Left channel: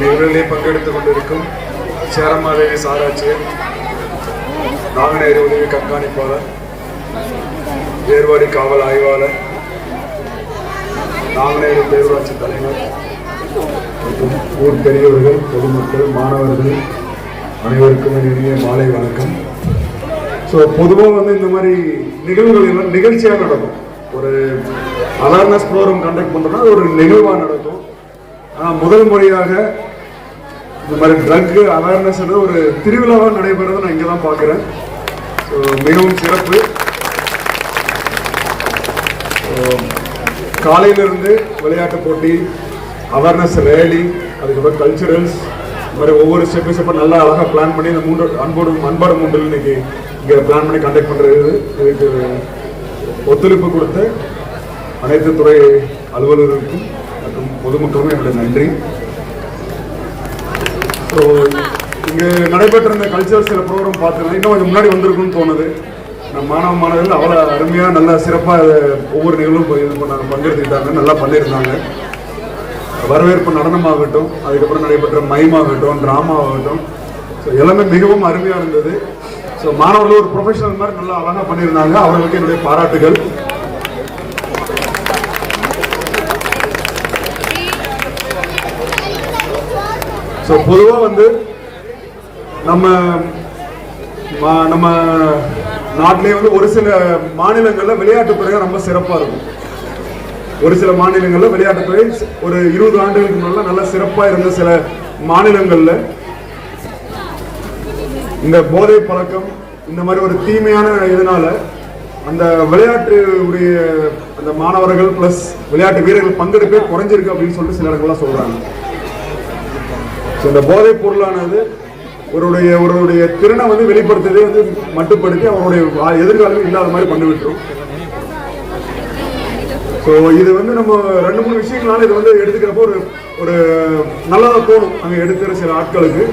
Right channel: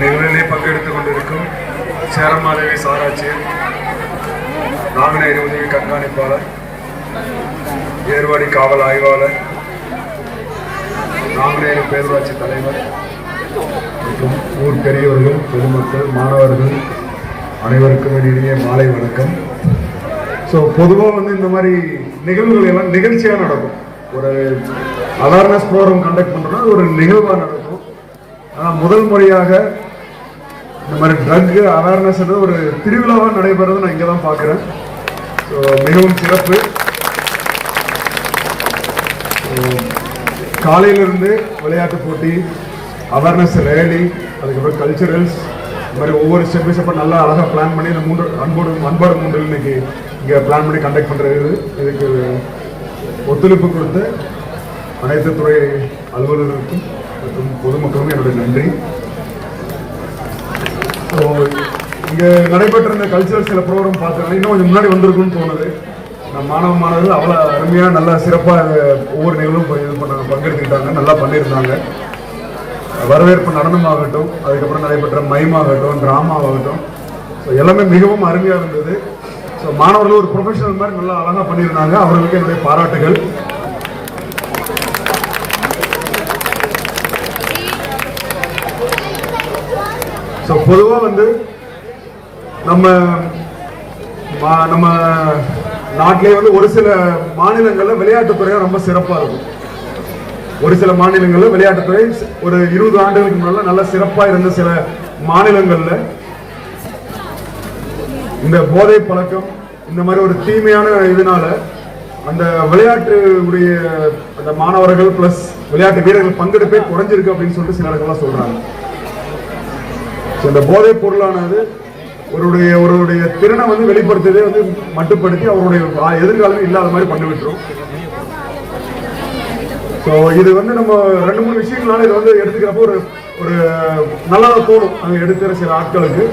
நிகழ்விலே பங்கெடுத்துக் கொண்டிருக்கும் சேரமாதேவி சாராட்சியர் நாங்குநேரி உதவி கண்காணிப்பாளர் ஏர்வாடி காவல் ஆய்வாளர் நாங்குநேரி பேரூராட்சி தலைவர் மற்றும் ஊர் பெரியவர்கள் பொதுமக்கள் மாணவர்கள் அனைவருக்கும் இனிய மாலை வணக்கம். ஸோ பொதுவாக வந்து இந்த மாதிரி நிகழ்வுகள் எல்லாம் நிகழ்ச்சியாக நடக்கும். ஒரு அவேர்னஸ் ப்ரோக்ராம் கண்டக்ட் பண்ணுறோம்னா அது ஒரு நிகழ்வாக நடக்கும். ஆனால் முதல் முறையாக இந்த மாதிரி ட்ரக் அவேர்னஸ் ஒரு திருவிழாவாக நடைபெறதை நான் இங்கே தான் பார்க்குறேன். ஸோ மிகவும் சிறப்பு. காலையிலிருந்து விளையாட்டு போட்டி அவேர்னஸ் ரேலி அதுக்கப்புறம் கல்ச்சுரல்ஸ் இந்த மாதிரி ஒவ்வொரு ஸ்டெப் ஸ்டெப்பை நல்லா அழகாக பிளான் பண்ணி இந்த மூன்று அன்போடு அன்பாடு மூன்றில் இன்னைக்கு இங்கே பிளான் பண்ணி கண்டக்ட் பண்ணுறது இதுக்கு ஒத்துழைப்பு கொடுத்து அனைத்து துறை அலுவலர்களுக்கும் மற்றும் பொதுமக்களுக்கும் என்னுடைய நன்றி. ஸோ இங்கே நடைபெற்ற கல்ச்சரல் சில ப்ரோக்ராம் பார்த்தோம்னா இன்னும் கொஞ்சம் முன்னாடி வந்திருக்குன்னு தோணுது. நம்ம மாணவ மாணவர்கள் அவ்வளோ அருமையாக நல்லா சிறப்பாக ஒவ்வொரு நிகழ்வும் போய் இது பண்ணாங்க பங்கெடுத்துக்கிட்டாங்க நல்லா பண்ணியிருந்தாங்க. வரவேற்பு நடனமாகட்டும் அதுக்கப்புறம் நடைபெற்ற மயமாகட்டும் ட்ராமாவாகட்டும் ஸோ எல்லாமே மிகவும் அருமையாக இருந்தது. ஸோ மாணவர்கள் ஒரு ப்ரொஃபஷனல் மாதிரி நல்லா அழகாக பண்ணியிருந்தாங்க. அவர்களுக்கு என்னுடைய பாராட்டுகள். ஸோ பொதுவாக வந்து நம்ம மா- நம்ம நாட்டிலே வந்து ஒரு சில மாநிலங்களில் விளையாட்டுத்துறை ரொம்ப சிறப்பாக இருக்கும். ஒரு சில மாநிலங்களில் விளையாட்டுத்துறை ஒரு இருபது ஆண்டுகளுக்கு முன்னால நல்ல சிறப்பாக இருந்த சில மாநிலங்களில் இந்த போதை பழக்கம் இந்த மாதிரி ஒரு தீமையான இதனால அந்த விளையாட்டு உரிய அந்த மாணவர்கள் பிளஸ் விளையாட்டு வீரர்கள் பங்கெடுப்பே குறைஞ்சிருக்கு அப்படின்னு சொல்லிட்டு சில இடங்கள்லாம் சொல்றாங்க. இந்த போதைப் பொருளானது ஒருடைய ஒருவருடைய திறனை வந்து வெளிப்படுத்தியதே வந்து மட்டுப்படுத்தி அவருடைய எதிர்காலமே இல்லாத மாதிரி பண்ணி விட்டுரும். ஸோ இது வந்து நம்ம ரெண்டு மூணு விஷயங்களால இதை வந்து எடுத்துக்கிறப்போ ஒரு ஒரு நல்லா தோணும் அவங்க எடுக்கிற சில ஆட்களுக்கு.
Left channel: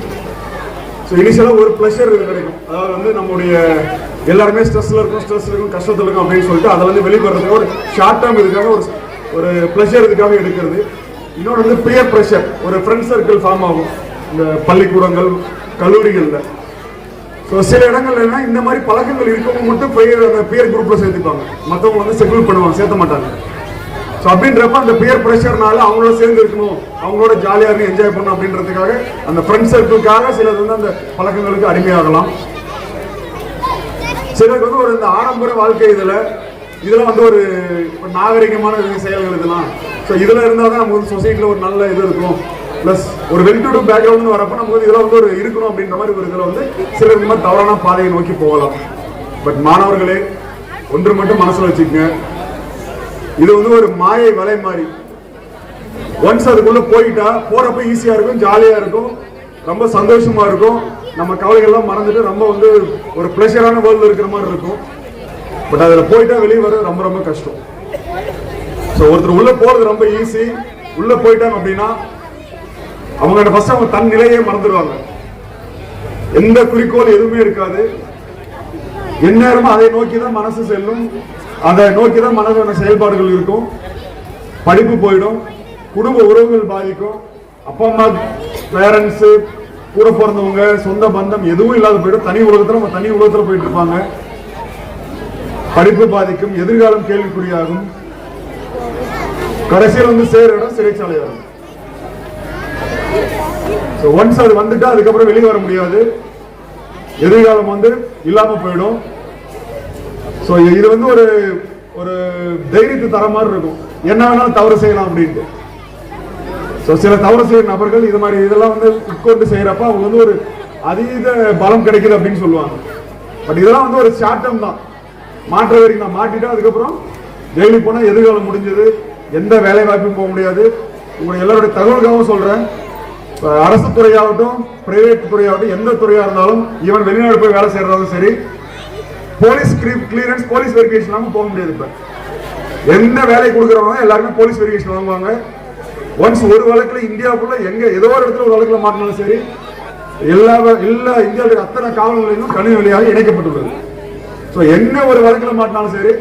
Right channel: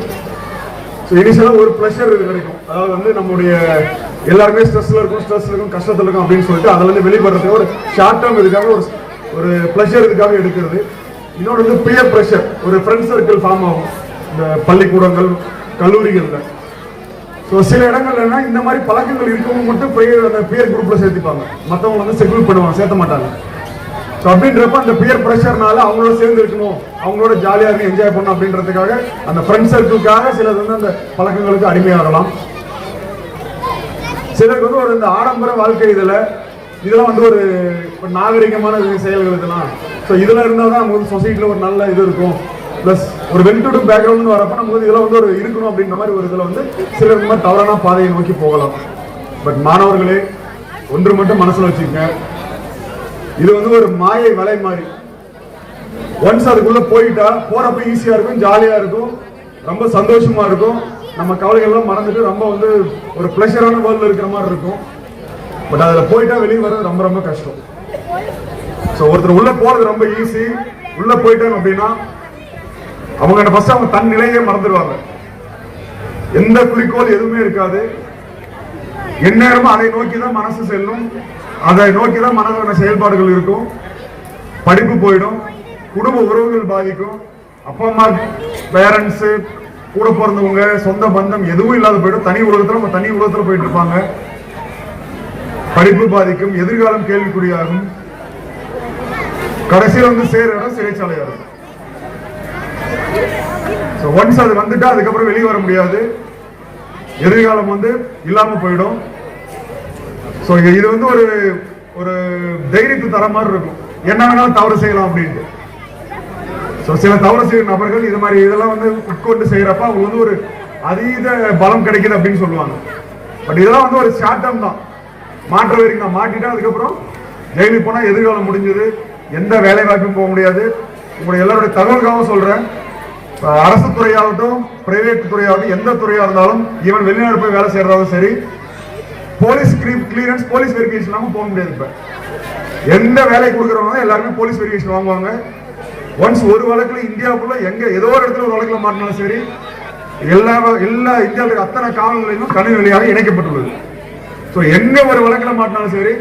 ஸோ இனிஷியலாக ஒரு ப்ளஷர் கிடைக்கும். அதாவது வந்து நம்முடைய எல்லாருமே ஸ்ட்ரெஸ்ல இருக்கும் ஸ்ட்ரெஸ் இருக்கும் கஷ்டத்தில் இருக்கும் அப்படின்னு சொல்லிட்டு அதில் வந்து வெளிப்படுறதுக்கு ஒரு ஷார்ட் டேர்ம் இதுக்காக ஒரு ஒரு ப்ளஷர் இதுக்காக எடுக்கிறது. இன்னொன்று வந்து பியர் ப்ரெஷர் ஒரு ஃப்ரெண்ட் சர்க்கிள் ஃபார்ம் ஆகும். இந்த பள்ளிக்கூடங்கள் கல்லூரிகளில். ஸோ சில இடங்கள்ல என்ன இந்த மாதிரி பழக்கங்கள் இருக்கவங்க மட்டும் போய் அந்த பியர் குரூப்ல சேர்த்துப்பாங்க. மற்றவங்க வந்து செட்டில் பண்ணுவாங்க சேர்த்த மாட்டாங்க. ஸோ அப்படின்றப்ப அந்த பியர் ப்ரெஷர்னால அவங்களோட சேர்ந்து இருக்கணும். அவங்களோட ஜாலியாக இருந்து என்ஜாய் பண்ணணும் அப்படின்றதுக்காக அந்த ஃப்ரெண்ட் சர்க்கிளுக்காக சிலர் வந்து அந்த பழக்கங்களுக்கு அடிமையாகலாம். சிலருக்கு வந்து ஒரு இந்த ஆடம்பர வாழ்க்கை இதில் இதெல்லாம் வந்து ஒரு நாகரிகமான செயல்கள் இதெல்லாம். ஸோ இதில் இருந்தால் தான் நமக்கு வந்து சொசைட்டியில் ஒரு நல்ல இது இருக்கும். ப்ளஸ் ஒரு வெல்டுடு பேக்ரவுண்ட்னு வரப்போ நமக்கு இதில் இதெல்லாம் வந்து ஒரு இருக்கணும் அப்படின்ற மாதிரி ஒரு இதில் வந்து சிலர் இந்த மாதிரி தவறான பாதையை நோக்கி போகலாம். பட் மாணவர்களே ஒன்று மட்டும் மனசில் வச்சுக்கங்க. இது வந்து ஒரு மாயை விலை மாதிரி. ஒன்ஸ் அதுக்குள்ளே போயிட்டா போகிறப்ப ஈஸியாக இருக்கும் ஜாலியாக இருக்கும் ரொம்ப சந்தோஷமாக இருக்கும். நம்ம கவலைகள்லாம் மறந்துட்டு ரொம்ப வந்து ஒரு ப்ளஷரான வேர்ல்டில் இருக்கிற மாதிரி இருக்கும். பட் அதில் போயிட்டா வெளியே வர ரொம்ப ரொம்ப கஷ்டம். ஸோ ஒருத்தர் உள்ளே போகிறது ரொம்ப ஈஸி உள்ளே போயிட்டாங்க அப்படின்னா அவங்க அந்த ஃபர்ஸ்ட் அவங்க தன் நிலையை மறந்துடுவாங்க. எந்த குறிக்கோள் எதுவுமே இருக்காது. எந்நேரமும் அதை நோக்கி தான் மனசு செல்லும். அதை நோக்கி தான் மனதோட செயல்பாடுகள் இருக்கும். படிப்பு போயிடும். குடும்ப உறவுகள் பாதிக்கும். அப்பா அம்மா பேரண்ட்ஸ் கூட பிறந்தவங்க சொந்த பந்தம் எதுவும் இல்லாத போயிடும். தனி உலகத்துல நம்ம தனி உலகத்துல போயிட்டு இருப்பாங்க. படிப்பு பாதிக்கும். எதிர்காலம் கேள்விக்குறியாகும். கடைசியில் வந்து சேர இடம் சிறைச்சாலையாகும் ஒன்ஸ் அது வந்துட்டா அதுக்கப்புறம் வெளியே வர முடியாது. எதிர்காலம் வந்து இல்லாம போயிடும். ஸோ இது வந்து ஒரு ஒரு தைரியத்தை தர மாதிரி இருக்கும். என்ன வேணாலும் தவறு செய்யலாம் அப்படின்ட்டு. ஸோ சில தவறு செய்யும் நபர்கள் இது மாதிரி இதெல்லாம் வந்து உட்கொண்டு செய்யறப்ப அவங்க வந்து ஒரு அதீத பலம் கிடைக்குது அப்படின்னு சொல்லுவாங்க. பட் இதெல்லாம் வந்து ஒரு ஷார்ட் தான். மாற்ற வரைக்கும் நான் மாட்டிட்டா அதுக்கப்புறம் ஜெயிலுக்கு போனால் எதிர்காலம் முடிஞ்சது. எந்த வேலை வாய்ப்பும் போக முடியாது. உங்களுடைய எல்லாருடைய தகவலுக்காகவும் சொல்கிறேன் அரசு துறையாகட்டும் பிரைவேட் துறையாகட்டும் எந்த துறையா இருந்தாலும் ஈவன் வெளிநாடு போய் வேலை செய்யறதாலும் சரி போலீஸ் கிளியரன்ஸ் போலீஸ் வெரிஃபிகேஷன் இல்லாமல் போக முடியாது இப்ப. எந்த வேலை கொடுக்குறவங்க எல்லாருமே போலீஸ் வெரிஃபிகேஷன் வாங்குவாங்க. ஒன்ஸ் ஒரு வழக்குல இந்தியாவுக்குள்ள எங்க ஏதோ ஒரு இடத்துல ஒரு வழக்குல மாட்டினாலும் சரி எல்லா எல்லா இந்தியாவில் அத்தனை காவல் நிலையமும் கணினி வழியாக இணைக்கப்பட்டுள்ளது. ஸோ எங்க ஒரு வழக்குல மாட்டினாலும் சரி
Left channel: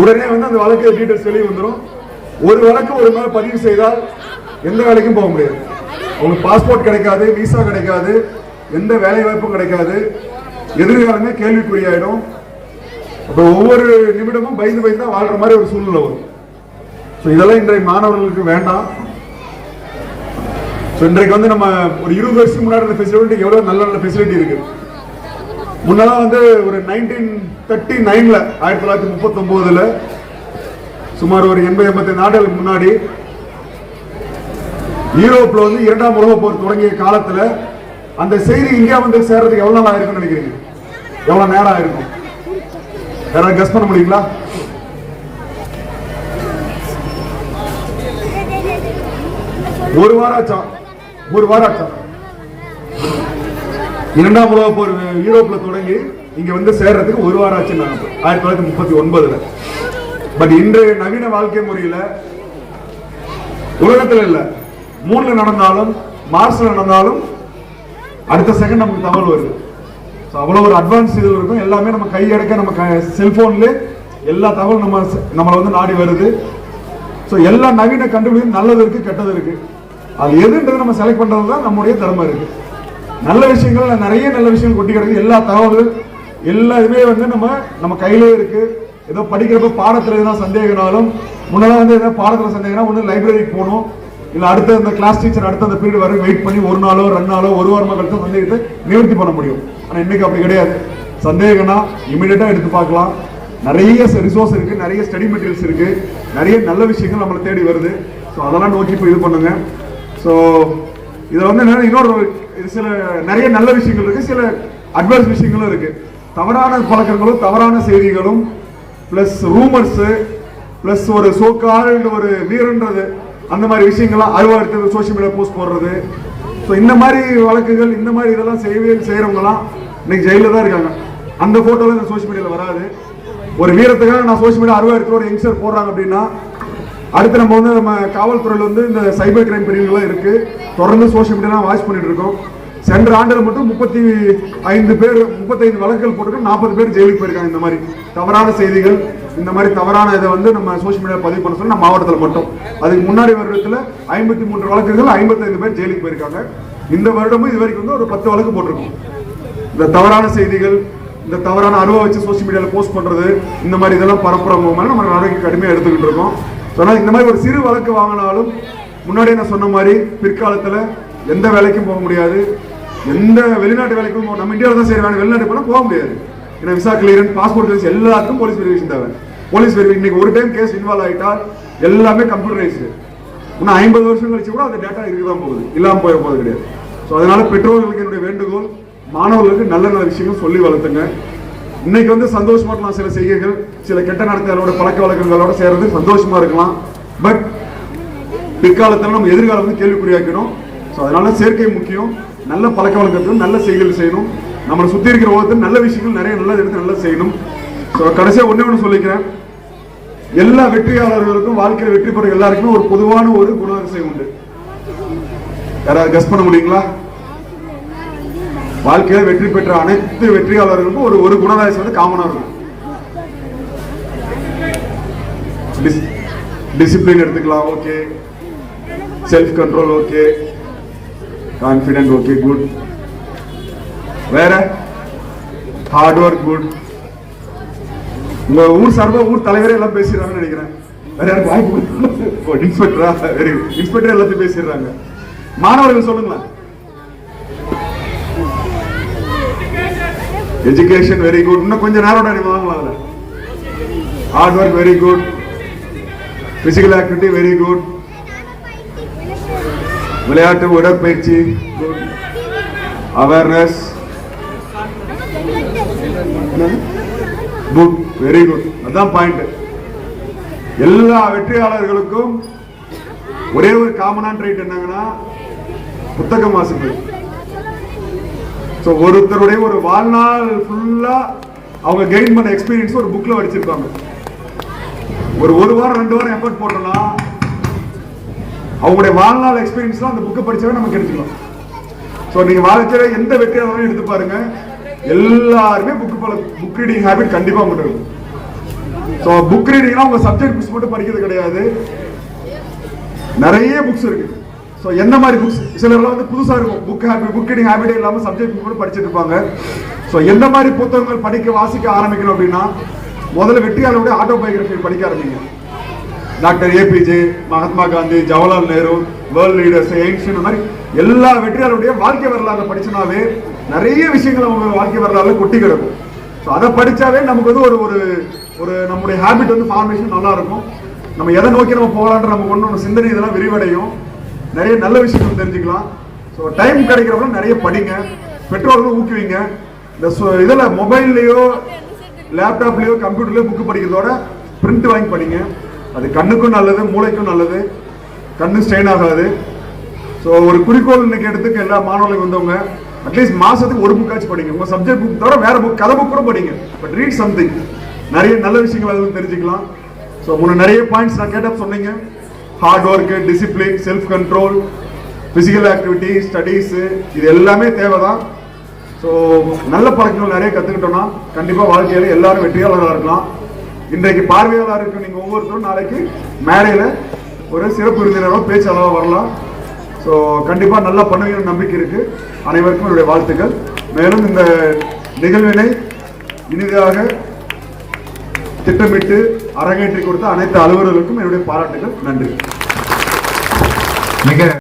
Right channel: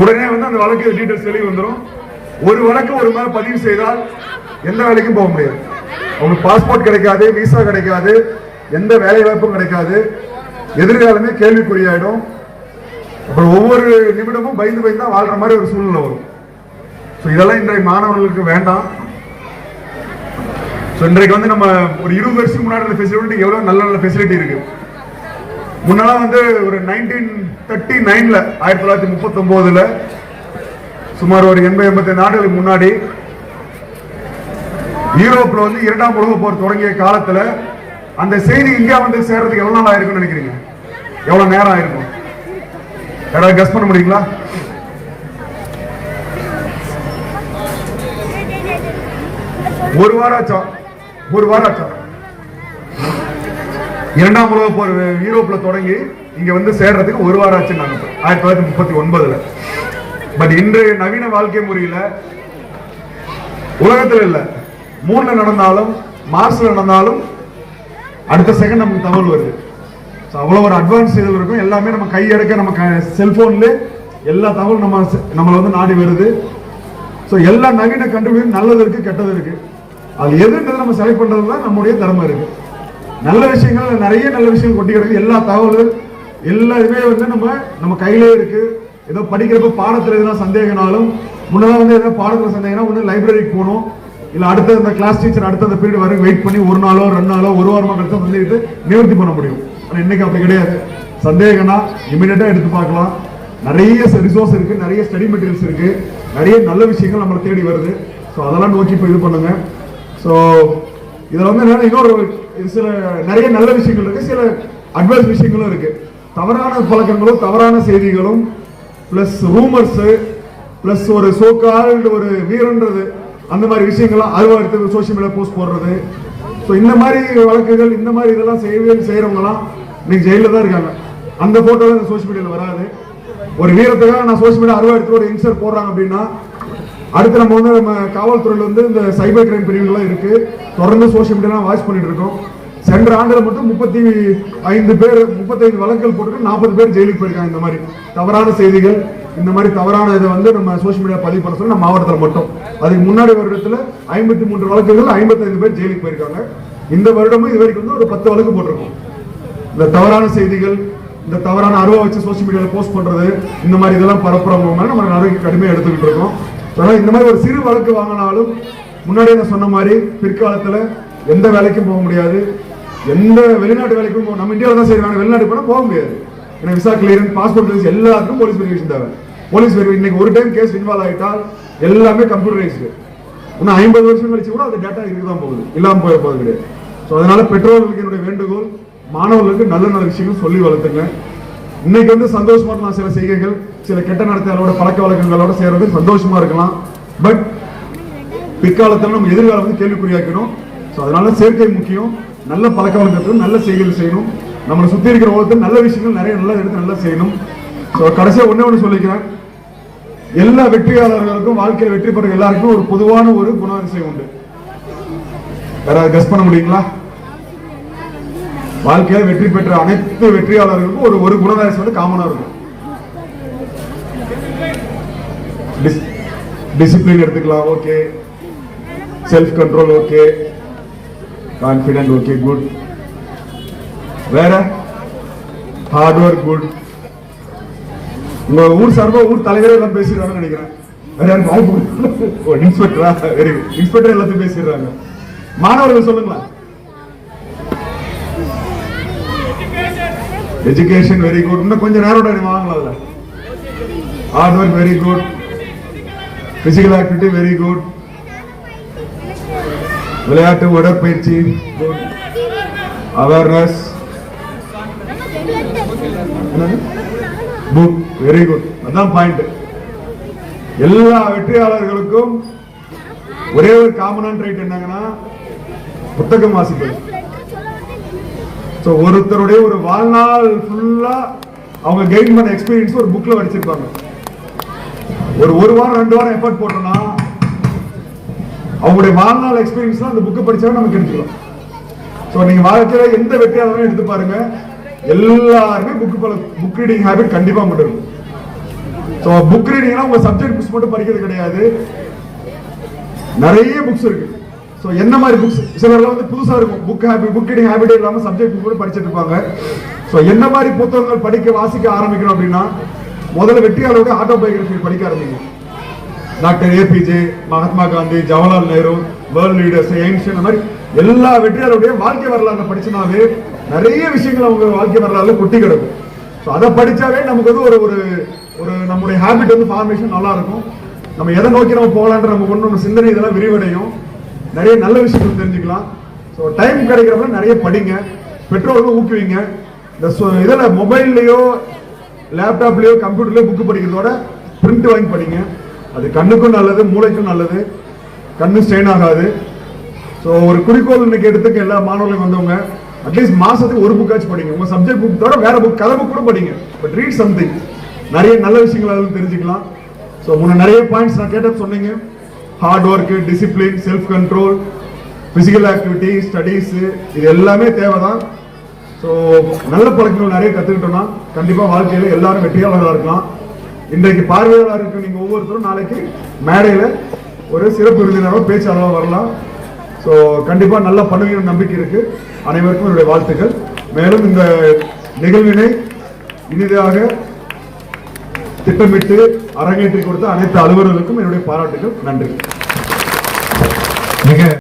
உடனே வந்து அந்த வழக்கு டீட்டெயில்ஸ் வெளியே வந்துடும் ஒரு வழக்கு ஒரு மேல பதிவு செய்தால் எந்த வேலைக்கும் போக முடியாது. அவங்களுக்கு பாஸ்போர்ட் கிடைக்காது விசா கிடைக்காது எந்த வேலை வாய்ப்பும் கிடைக்காது. எதிர்காலமே கேள்விக்குறியாயிடும். அப்புறம் ஒவ்வொரு நிமிடமும் பயந்து பயந்து தான் வாழ்ற மாதிரி ஒரு சூழ்நிலை வரும். ஸோ இதெல்லாம் இன்றைய மாணவர்களுக்கு வேண்டாம். ஸோ இன்றைக்கு வந்து நம்ம ஒரு இருபது வருஷத்துக்கு முன்னாடி இந்த ஃபெசிலிட்டி எவ்வளோ நல்ல நல்ல ஃபெசிலிட்டி இருக்கு. முன்னெல்லாம் வந்து ஒரு நைன்டீன் தேர்ட்டி நைன்ல ஆயிரத்தி தொள்ளாயிரத்தி முப்பத்தொம்போதில் சுமார் ஒரு எண்பது எண்பத்தி நாடுகளுக்கு முன்னாடி யூரோப்ல வந்து இரண்டாம் உலக போர் தொடங்கிய காலத்துல அந்த செய்தி இந்தியா வந்து சேர்றதுக்கு எவ்வளவு நாள் ஆயிருக்கும்னு நினைக்கிறீங்க? எவ்வளவு நேரம் ஆயிருக்கும்? யாராவது கெஸ் பண்ண முடியுங்களா? ஒரு வாரம் ஆச்சா ஒரு வாரம் ஆச்சா இரண்டாம் உலக போர் யூரோப்ல தொடங்கி இங்க வந்து சேர்றதுக்கு ஒரு வாரம் ஆச்சு நாங்க ஆயிரத்தி தொள்ளாயிரத்தி முப்பத்தி ஒன்பதுல. பட் இன்றைய நவீன வாழ்க்கை முறையில உலகத்துல இல்ல. மூணுல நடந்தாலும் மார்ச்ல நடந்தாலும் அடுத்த செகண்ட் நமக்கு தகவல் வருது. ஸோ அவ்வளோ ஒரு அட்வான்ஸ் இது இருக்கும். எல்லாமே நம்ம கையெடுக்க நம்ம செல்போன்ல எல்லா தகவலும் நம்ம நம்மளை வந்து நாடி வருது. ஸோ எல்லா நவீன கண்டுபிடிப்பும் நல்லது இருக்கு கெட்டது இருக்கு. அது எதுன்றது நம்ம செலக்ட் பண்றது தான் நம்முடைய திறமை இருக்கு. நல்ல விஷயங்கள் நிறைய நல்ல விஷயங்கள் கொட்டி கிடக்கு. எல்லா தகவல்கள் எல்லா இதுவே வந்து நம்ம நம்ம கையிலே இருக்கு. ஏதோ படிக்கிறப்ப பாடத்தில் எதுனா சந்தேகனாலும் முன்னெல்லாம் வந்து எதாவது பாடத்தில் சந்தேகம்னா ஒன்று லைப்ரரிக்கு போகணும். இல்ல அடுத்த இந்த கிளாஸ் டீச்சர் அடுத்த அந்த பீரியட் வரை வெயிட் பண்ணி ஒரு நாளோ ரெண்டு நாளோ ஒரு வாரமாக கழிச்சு சந்தேகத்தை நிவர்த்தி பண்ண முடியும். ஆனால் இன்னைக்கு அப்படி கிடையாது. சந்தேகம்னா இமீடியட்டா எடுத்து பார்க்கலாம். நிறைய ரிசோர்ஸ் இருக்கு நிறைய ஸ்டடி மெட்டீரியல்ஸ் இருக்கு. நிறைய நல்ல விஷயங்கள் நம்மளை தேடி வருது. ஸோ அதெல்லாம் நோக்கி இப்போ இது பண்ணுங்க. ஸோ இதில் வந்து என்னென்னா இன்னொரு சில நிறைய நல்ல விஷயங்கள் இருக்கு சில அட்வைஸ் விஷயங்களும் இருக்கு. தவறான பழக்கங்களும் தவறான செய்திகளும் ப்ளஸ் ரூமர்ஸு ப்ளஸ் ஒரு சோக்கால் ஒரு வீரன்றது. அந்த மாதிரி விஷயங்கள்லாம் அருவா எடுத்து சோஷியல் மீடியா போஸ்ட் போடுறது. ஸோ இந்த மாதிரி வழக்குகள் இந்த மாதிரி இதெல்லாம் செய்ய செய்கிறவங்கலாம் இன்னைக்கு ஜெயிலில் தான் இருக்காங்க. அந்த ஃபோட்டோ தான் சோஷியல் மீடியாவில் வராது. ஒரு வீரத்துக்காக நான் சோஷியல் மீடியா அருவா இடத்துல ஒரு யங்ஸ்டர் போடுறாங்க அப்படின்னா அடுத்து நம்ம வந்து நம்ம காவல்துறையில் வந்து இந்த சைபர் கிரைம் பிரிவுகள்லாம் இருக்குது தொடர்ந்து சோஷியல் மீடியாலாம் வாட்ச் பண்ணிட்டு இருக்கோம். சென்ற ஆண்டில் மட்டும் முப்பத்தி ஐந்து பேர் முப்பத்தைந்து வழக்குகள் போட்டு நாற்பது பேர் ஜெயிலுக்கு போயிருக்காங்க இந்த மாதிரி தவறான செய்திகள். இந்த மாதிரி தவறான இதை வந்து நம்ம சோஷியல் மீடியா பதிவு பண்ண சொல்லி நம்ம மாவட்டத்தில் மட்டும். அதுக்கு முன்னாடி வருடத்தில் ஐம்பத்தி மூன்று வழக்குகள் ஐம்பத்தைந்து பேர் ஜெயிலுக்கு போயிருக்காங்க. இந்த வருடமும் இது வரைக்கும் வந்து ஒரு பத்து வழக்கு போட்டிருக்கோம். இந்த தவறான செய்திகள் இந்த தவறான அனுபவம் வச்சு சோஷியல் மீடியாவில் போஸ்ட் பண்ணுறது இந்த மாதிரி இதெல்லாம் பரப்புறவங்க மேல நம்ம நடவடிக்கை கடுமையாக எடுத்துக்கிட்டு இருக்கோம். ஆனால் இந்த மாதிரி ஒரு சிறு வழக்கு வாங்கினாலும் முன்னாடியே நான் சொன்ன மாதிரி பிற்காலத்தில் எந்த வேலைக்கும் போக முடியாது. எந்த வெளிநாட்டு வேலைக்கும் நம்ம இந்தியாவில் தான் செய்யறாங்க வெளிநாட்டு போனால் போக முடியாது. ஏன்னா விசா கிளியரன் பாஸ்போர்ட் கிளியரன்ஸ் எல்லாருக்கும் போலீஸ் வெரிஃபிகேஷன் தேவை. போலீஸ் வெரிஃபிகேஷன் இன்னைக்கு ஒரு டைம் கேஸ் இன்வால்வ் ஆயிட்டால் எல்லாமே கம்ப்யூட்டரைஸ்டு இன்னும் ஐம்பது வருஷம் கழிச்சு கூட அந்த டேட்டா இருக்க தான் போகுது. இல்லாமல் போக போகிறது கிடையாது. ஸோ அதனால பெற்றோர்களுக்கு என்னுடைய வேண்டுகோள் மாணவர்களுக்கு நல்ல நல்ல விஷயங்கள் சொல்லி வளர்த்துங்க. இன்னைக்கு வந்து சந்தோஷமா இருக்கலாம் சில செய்கைகள் சில கெட்ட நடத்தைகளோட பழக்க வழக்கங்களோட சேர்றது சந்தோஷமா இருக்கலாம். பட் பிற்காலத்தில் நம்ம எதிர்காலம் வந்து கேள்விக்குறியாக்கணும். ஸோ அதனால சேர்க்கை முக்கியம். நல்ல பழக்க வழக்கத்தில் நல்ல செய்கைகள் செய்யணும். நம்மளை சுற்றி இருக்கிற உலகத்தில் நல்ல விஷயங்கள் நிறைய நல்ல எடுத்து நல்லா செய்யணும். ஸோ கடைசியாக ஒன்றே ஒன்று சொல்லிக்கிறேன். எல்லா வெற்றியாளர்களுக்கும் வாழ்க்கையில் வெற்றி பெற எல்லாருக்கும் ஒரு பொதுவான ஒரு குணவரிசை உண்டு. யாராவது கஸ் பண்ண முடியுங்களா? வாழ்க்கையில வெற்றி பெற்ற அனைத்து வெற்றியாளர்களுக்கும் ஒரு ஒரு குணவரிசை வந்து காமனா இருக்கும். டிசிப்ளின் எடுத்துக்கலாம் okay self control okay confident okay good வேற? ஹார்ட் ஒர்க் குட் உங்க ஊர் சார்பா ஊர் தலைவரே எல்லாம் பேசிடுறாங்கன்னு நினைக்கிறேன். வேற வாய்ப்பு இன்ஸ்பெக்டரா வெரி இன்ஸ்பெக்டர் எல்லாத்தையும் பேசிடுறாங்க. மாணவர்கள் சொல்லுங்களா எஜுகேஷன் வெரி குட் இன்னும் கொஞ்சம் நேரம் நீங்க வாங்கலாம் அதுல. Hard work very good physical activity very good விளையாட்டு உடற்பயிற்சி good awareness book very good அதான் பாயிண்ட் எல்லா வெற்றியாளர்களுக்கும் ஒரே ஒரு காமனான ரைட் என்னங்கன்னா புத்தகம் வாசிப்பது. ஸோ ஒருத்தருடைய ஒரு வாழ்நாள் ஃபுல்லா அவங்க கெயின் பண்ண எக்ஸ்பீரியன்ஸ் ஒரு புக்ல படிச்சிருப்பாங்க ஒரு ஒரு வாரம் ரெண்டு வாரம் எஃபர்ட் போட்டோம்னா அவங்களுடைய வாழ்நாள் எக்ஸ்பீரியன்ஸ்லாம் அந்த புக்கை படித்தாவே நமக்கு எடுத்துக்கலாம். ஸோ நீங்க வாழ்க்கையில எந்த வெற்றியாளரும் எடுத்து பாருங்க. எல்லாருமே புக் புக் ரீடிங் ஹேபிட் கண்டிப்பா மட்டும் இருக்கும். ஸோ புக் ரீடிங்னா உங்க சப்ஜெக்ட் புக்ஸ் மட்டும் படிக்கிறது கிடையாது. நிறைய புக்ஸ் இருக்கு. ஸோ என்ன மாதிரி புக்ஸ் சிலர்லாம் வந்து புதுசாக இருக்கும். புக் ஹேபிட் புக் ரீடிங் ஹேபிட்டே இல்லாமல் சப்ஜெக்ட் புக் மட்டும் படிச்சுட்டு இருப்பாங்க. ஸோ எந்த மாதிரி புத்தகங்கள் படிக்க வாசிக்க ஆரம்பிக்கணும் அப்படின்னா முதல்ல வெற்றியாளருடைய ஆட்டோபயோகிராஃபி படிக்க ஆரம்பிங்க. Doctor APJ Mahatma Gandhi Jawaharlal Nehru world leaders எயின்ஸ் இந்த மாதிரி எல்லா வெற்றியாளருடைய வாழ்க்கை வரலாறு படிச்சுனாவே நிறைய விஷயங்கள் அவங்க வாழ்க்கை வரலாறுல கொட்டி கிடக்கும். ஸோ அதை படித்தாவே நமக்கு வந்து ஒரு ஒரு ஒரு நம்முடைய ஹேபிட் வந்து ஃபார்மேஷன் நல்லா இருக்கும் நம்ம எதை நோக்கி நம்ம போகலான்ற நமக்கு ஒன்று நம்ம சிந்தனை இதெல்லாம் விரிவடையும். நிறைய நல்ல விஷயங்கள் தெரிஞ்சுக்கலாம். ஸோ டைம் கிடைக்கிறப்ப நிறைய படிங்க. பெற்றோர்களும் ஊக்குவிங்க. இந்த இதில் மொபைல்லையோ லேப்டாப்லேயோ கம்ப்யூட்டர்லேயோ புக்கு படிக்கிறதோட பிரிண்ட் வாங்கி படிங்க. அது கண்ணுக்கும் நல்லது மூளைக்கும் நல்லது. கண்ணு ஸ்ட்ரெயின் ஆகாது. ஸோ ஒரு குறிக்கோள் இன்னைக்கு எடுத்துக்க எல்லா மாணவர்களுக்கு வந்தவங்க அட்லீஸ்ட் மாசத்துக்கு ஒரு புக்காச்சும் படிங்க. உங்க சப்ஜெக்ட் புக் தவிர வேற புக் கதை புக் கூட படிங்க. பட் ரீட் சம்திங் நிறைய நல்ல விஷயங்கள் அதுவும் தெரிஞ்சுக்கலாம். ஸோ முன்ன நிறைய பாயிண்ட்ஸ் நான் கேட்ட சொன்னீங்க. Hard work discipline self control physical activity studies இது எல்லாமே தேவை தான் ஸோ நல்ல பழக்கங்கள் நிறைய கற்றுக்கிட்டோம்னா கண்டிப்பாக வாழ்க்கையில் எல்லாரும் வெற்றியாளராக இருக்கலாம். இன்றைக்கு பார்வையாளராக இருக்க நீங்கள் ஒவ்வொருத்தரும் நாளைக்கு மேடையில் ஒரு சிறப்பு விருந்தினரும் பேச்சாளராக வரலாம். ஸோ கண்டிப்பாக நல்லா பண்ணுவீங்கன்னு நம்பிக்கை இருக்குது அனைவருக்கும் என்னுடைய வாழ்த்துக்கள். மேலும் இந்த நிகழ்வினை இனிதாக திட்டமிட்டு அரங்கேற்றி கொடுத்த அனைத்து அலுவலர்களுக்கும் என்னுடைய பாராட்டுகள். நன்றி. மிக